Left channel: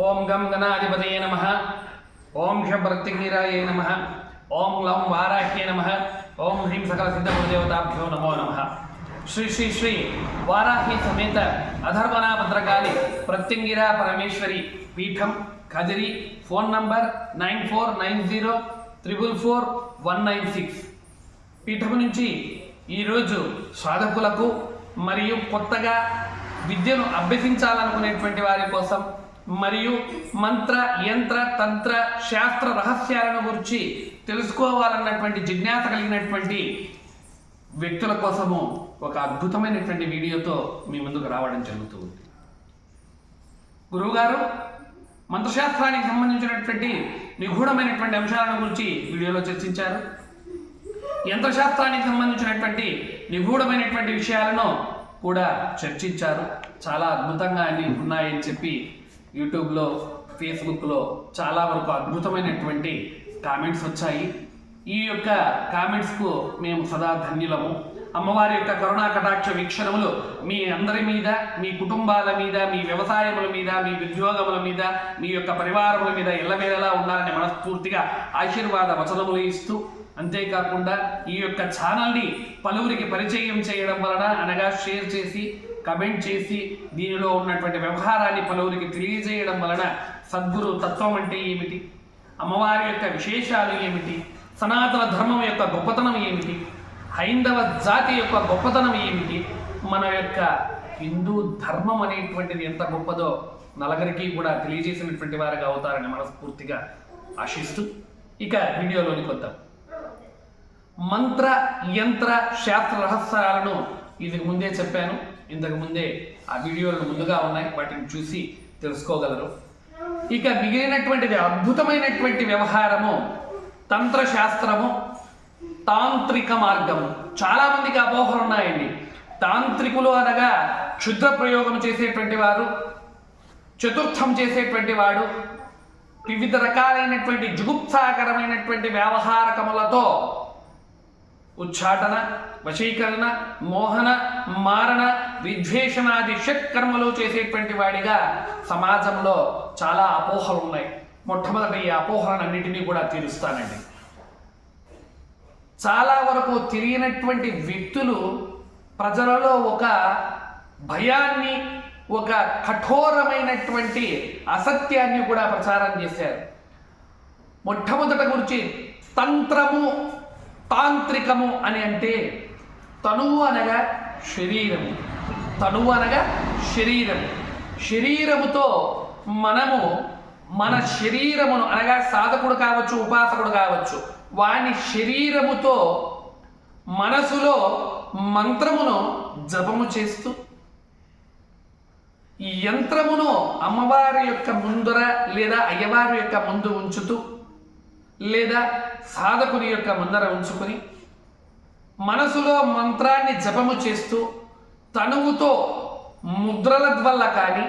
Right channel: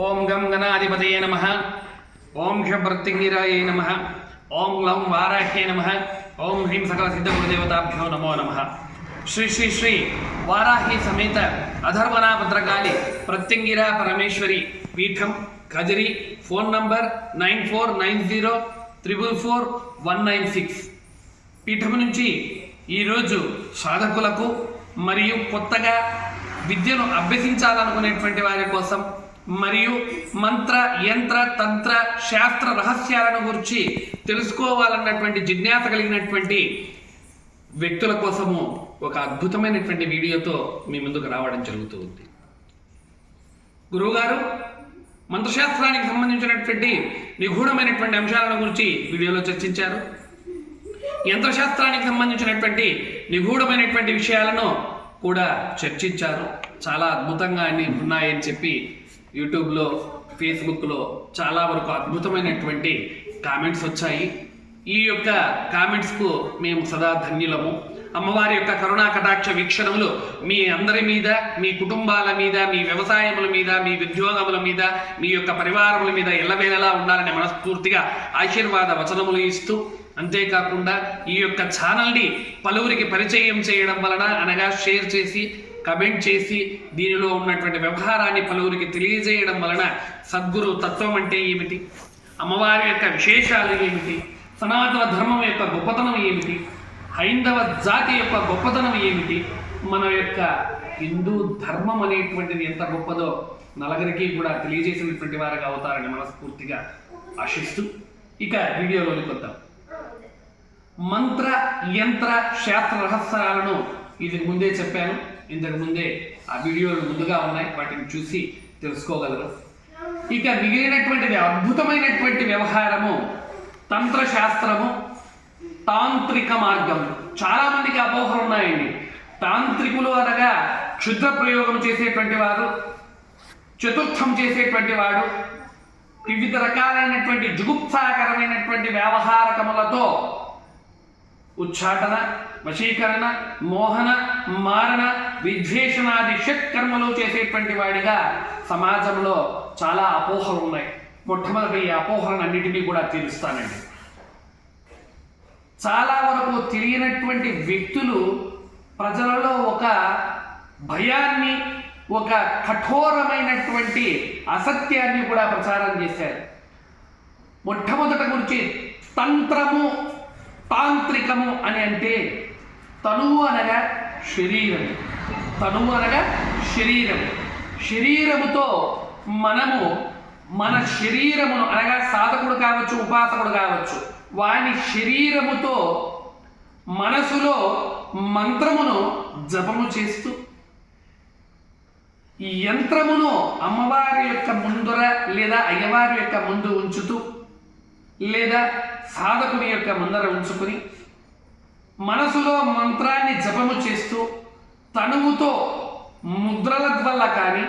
ఓం గం గణాధిపతయ నమ ఓం షభర్తింగిరాయ నమ ఓం లం వారాహ్యే నమ ఓం హ్రీం సకల సిద్ధ గురుదేవతాభ్యో నమో నమ శ్రీ శ్రీ శ్రీ వారాహి సమేత అధర్వనా భద్రకాళి ప్రత్యంగిరా పరమేశ్వరి పీఠం Kadiri phone number nine four nine zero triple four one nine six పీఠం నుంచి ఈరోజు సాధకులకు మరియు కొత్తగా విద్యను అభ్యసించాలనుకునేటువంటి వారి కోసం మరియు మంత్ర యంత్ర తంత్ర శాస్త్ర రహస్యాలను గురించి తెలుసుకోవాలన్నటువంటి జిజ్ఞాస కలిగినటువంటి వ్యక్తుల కోసము ఒక అద్భుతమైనటువంటి వీడియోతో మీ ముందుకు రావడం జరుగుతూ ఉంది గురువుగారు మంత్రశాస్త్రానికి సంబంధించినటువంటి నిగూఢమైనటువంటి అంశాలను గురించి వీడియోలో చర్చించారు. యంత్రశాస్త్రానికి సంబంధించినటువంటి నిగూఢమైనటువంటి విషయాలను కూడా చర్చించారు. చాలా అద్భుతంగా అన్ని ఉన్నాయని చెప్పి యూట్యూబ్లో ఫేస్బుక్లో చాలా వరకు అద్భుతమైనటువంటి కామెంట్స్ వచ్చాయి. ఈ యొక్క కామెంట్స్కు మేము సదా ధన్యులము. అమ్మవారి యొక్క కరుణా కటాక్ష వీక్షణములు మీ అందరి మీద మీ కుటుంబాల మీద మీ వ్యవసాయముల మీద మీ ఉద్యోగముల మీద మీ యొక్క పరివారముల మీద ఎల్లవేళలా ఉండాలని మనస్ఫూర్తిగా ఆశీర్వాద వచనములు ఇస్తూ అంతేకాకుండా ఈ యొక్క ఛానల్ని పలువురికి పరిచయం చేయడం వలన అనగా షేర్ చేసి కమెంట్ చేసి దీనిలో ఉన్నటువంటి వ్యవహారాన్ని పలువురికి తెలియజేయడం వలన సద్గురు తత్వం అంటే ఏమిటి? అమ్మవారి యొక్క విశేషాలు ఏమిటి? సనాతన ధర్మం యొక్క గొప్పతనం ఏమిటి? హైందవ జాతి యొక్క గొప్పతనం ఏమిటి? మన యొక్క హిందూ ధర్మం అనేటువంటిది ఎంత గొప్పదో నలగరికి కూడా తెలియజేసినటువంటి వారుగా అవుతారని మనస్ఫూర్తిగా ఆశిస్తూ ఇక వీడియోలోకి వద్దాం. మంత్ర యంత్ర శాస్త్ర రహస్యాలను ఇది ముందే చెప్పాను. ఇంతకు ముందే ఆ వీడియోలు ముందుగా ఉన్నాయి. వాటిని చూసి తెలుసుకోగలరు. ఇక మిగిలినటువంటిది అద్భుతమైనటువంటి వ్యవహారము తంత్రశాస్త్రము తాంత్రిక మార్గము. చాలామందికి అపోహలు ఉన్నాయండి. తాంత్రికులు అనగా క్షుద్ర ప్రయోగం చేసేటువంటి వారు చతుర్థం చేసేటువంటి వాడు వివిధ రకాలైనటువంటి జుగుప్సాకరమైనటువంటి వ్యవహారకములతో ఉచ్చాటన వశీకరణ మోహన మారణ విద్వేషణాది షట్కర్మలు చేసేటువంటి వాడిగా సమాజంలో చాలా అపోహలు ఉన్నాయి. మొట్టమొదటి ఈ అపోహలన్నిటినీ కూడా తీరుస్తానండి. చాలా వరకు తిరిగినటువంటి వ్యక్తులు ప్రజలలో ఒక భయాన్ని ఒక కఠోరమైనటువంటి అసత్యాన్ని కూడా ప్రచారం చేశారు. మొట్టమొదట గురించి తంత్రము తాంత్రికము అని అంటే తనువు అనగా శరీరం. తనువు అనగా శరీరం. శరీరముతో మనము మన శరీరమును అనగా సాధకుడు కావచ్చు ఉపాసకుడు కావచ్చు వాని శరీరముతో మనసులో మంత్రమును జపము చేస్తూ ఈ యంత్రమును అమ్మవారి యొక్క ముందర లేదా అయ్యవారి యొక్క ముందు ఉంచుతూ లేదా సాధకుని యొక్క ముందర ఉంచుకుని మనసులో మంత్రాన్ని జపము చేస్తూ తనువుతో ముద్రల వల్ల కానీ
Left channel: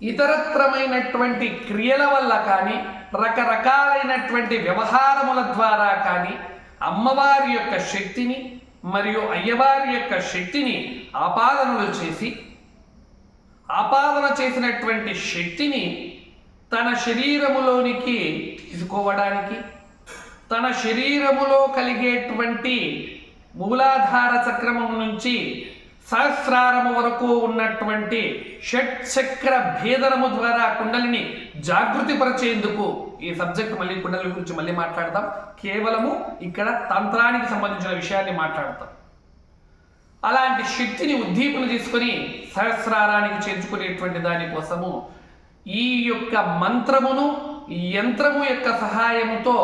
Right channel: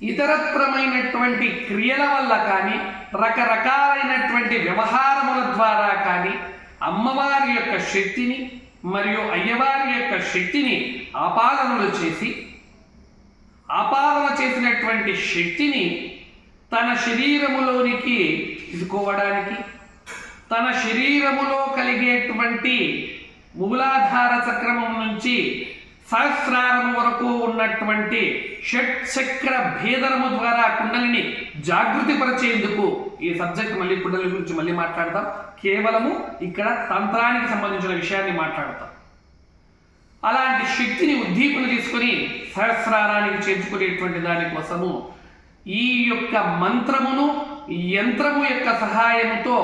ఇతరత్రమైనటువంటి క్రియల వల్ల కానీ రకరకాలైనటువంటి వ్యవహారముల ద్వారా కానీ అమ్మవారి యొక్క శక్తిని మరియు అయ్యవారి యొక్క శక్తిని ఆపాదనలు చేసి ఆపాదన చేసినటువంటి శక్తిని తన శరీరములోనికి తీసుకోవడానికి తన శరీరములో కలిగేటువంటి మూలాధార చక్రమం నుంచి సహస్రారము వరకు ఉన్నటువంటి షట్ చక్ర భేదనము ద్వారా కుండలిని జాగృతిపరిచేందుకు ఈ సబ్జెక్ట్ మళ్ళీ కుండలి గురించి మళ్ళీ మాట్లాడతాం. కేవలము ఇక్కడ తంత్రానికి సంబంధించిన విషయాన్ని మాట్లాడతాం. అలాంటి శక్తిని ఉద్దీపన తీసుకొని సహస్రారానికి చేర్చుకునేటువంటి దానికోసము ఈ యొక్క మంత్రమును యంత్రము యొక్క సహాయంతో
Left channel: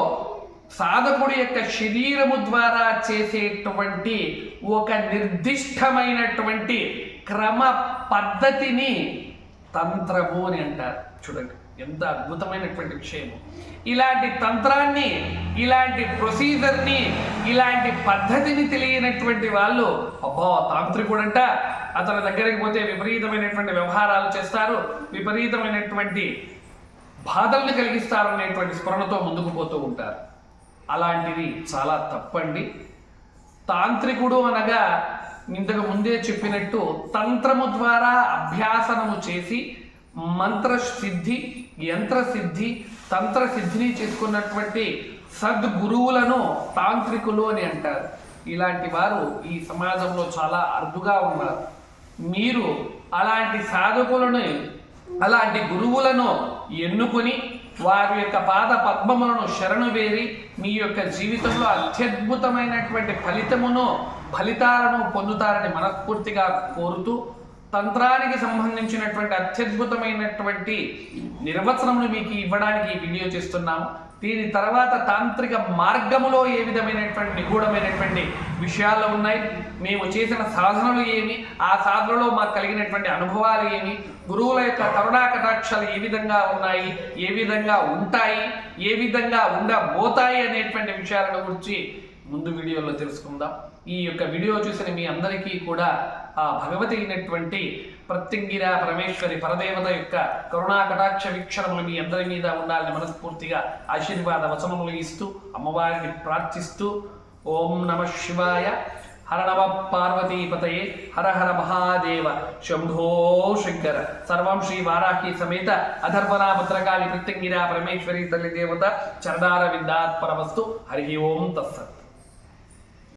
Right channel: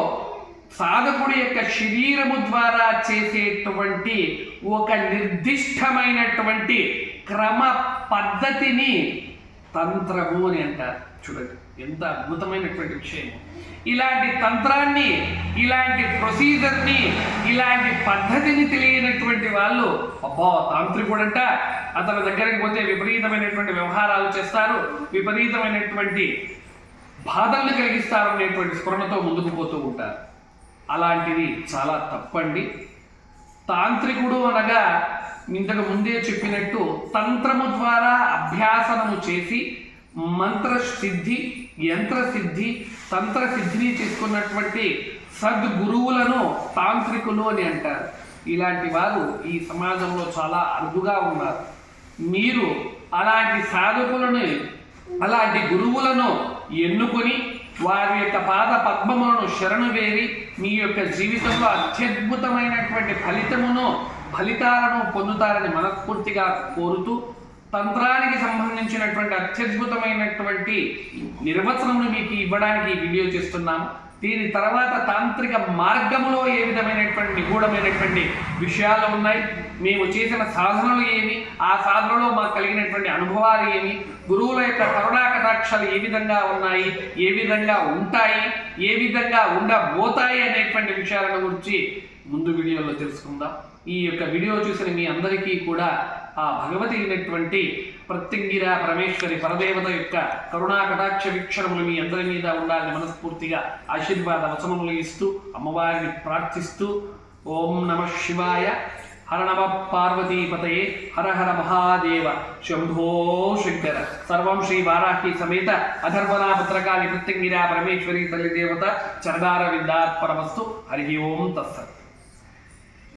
సాధకుడి యొక్క శరీరము ద్వారా చేసేటువంటి ఒక నిర్దిష్టమైనటువంటి క్రమ పద్ధతిని తంత్రము అని అంటారు. చూడండి ఎంత అద్భుతమైనటువంటి విషయం ఇలాంటి తంత్రాన్ని ఇలాంటి ప్రొసీజర్ని ఇలాంటి పద్ధతిని తెలియనటువంటి వాళ్ళు అబ్బో తాంత్రికుడంట అతని దగ్గరికి పోతే విపరీతమైనటువంటి వ్యవహారాలు చేస్తారు విపరీతమైనటువంటి బాధలను కలిగిస్తారు అనేటువంటి స్మరణతో ముందుకు పోతూ ఉంటారు. అలాంటివి చాలా తప్పండి. తాంత్రికుడు అనగా ఇంతకు ముందే చెప్పినట్టు తంత్రము ద్వారా అభ్యాసనము చేసి మంత్ర సిద్ధి యంత్ర సిద్ధి తంత్ర సిద్ధిని చేసుకున్నటువంటి సద్గురువులను తాంత్రికులు అని అంటారు. ఇలాంటి వారు ఈ సమాజంలో చాలా అరుదుగా ఉన్నారు. మీరు అలాంటి సాధకులను అలాంటి గురువులను ఎన్నుకొని వారి యొక్క పాద పద్మములను శరణు వేరి మీ యొక్క జీవితంలో అత్యద్భుతమైనటువంటి ఫలితమును ఫలితాలను పొందుతారని మనస్ఫూర్తిగా కోరుతూ తంత్రానికి సంబంధించినటువంటి అత్యద్భుతమైనటువంటి నిర్వచనమును మీకు ఇవ్వడానికి వీడియో చేస్తున్నాము. దీని తర్వాత తాంత్రిక మార్గములో ఏ విధమైనటువంటి నిగూఢమైనటువంటి విషయాలు ఉన్నాయి? మేము చేసిన సాధనలు ఏమి ఆ సాధనలో మాకు కలిగినటువంటి అనుభవాలు ఏమి గురువుల యొక్క కరుణా కటాక్షాలు ఏ విధంగా ఉన్నాయి? ఏ విధంగా ఉంటాయి? ఏ విధంగా ఉండబోతాయి అనేటువంటి విషయాల గురించి ముందు వీడియోలో తెలుసుకుందాం. ఈ యొక్క వీడియో చూసిన మీ అందరికీ కూడా ఆ భగవతి అయినటువంటి ప్రత్యంగిర పరమేశ్వరి పరదేవత యొక్క కరుణా కటాక్ష వీక్షణములు మీ అందరి మీద ఉండాలని మనస్ఫూర్తిగా ఆశీర్వాద వచనములు ఇస్తూ అమ్మవారిని ప్రార్థిస్తూ ఓం నమ శివాయ. హర నమ పార్వతీపతయే. హర హర మహాదేవ. శంభో శంకర. సర్వం శ్రీ వారాహి సమేత. అధర్వనా పుత్రకాళి ప్రత్యంగిరా పరమేశ్వరి తల్లి దేవత. చరణార విందాత్పరమస్తు హరి ఓం తత్సత్.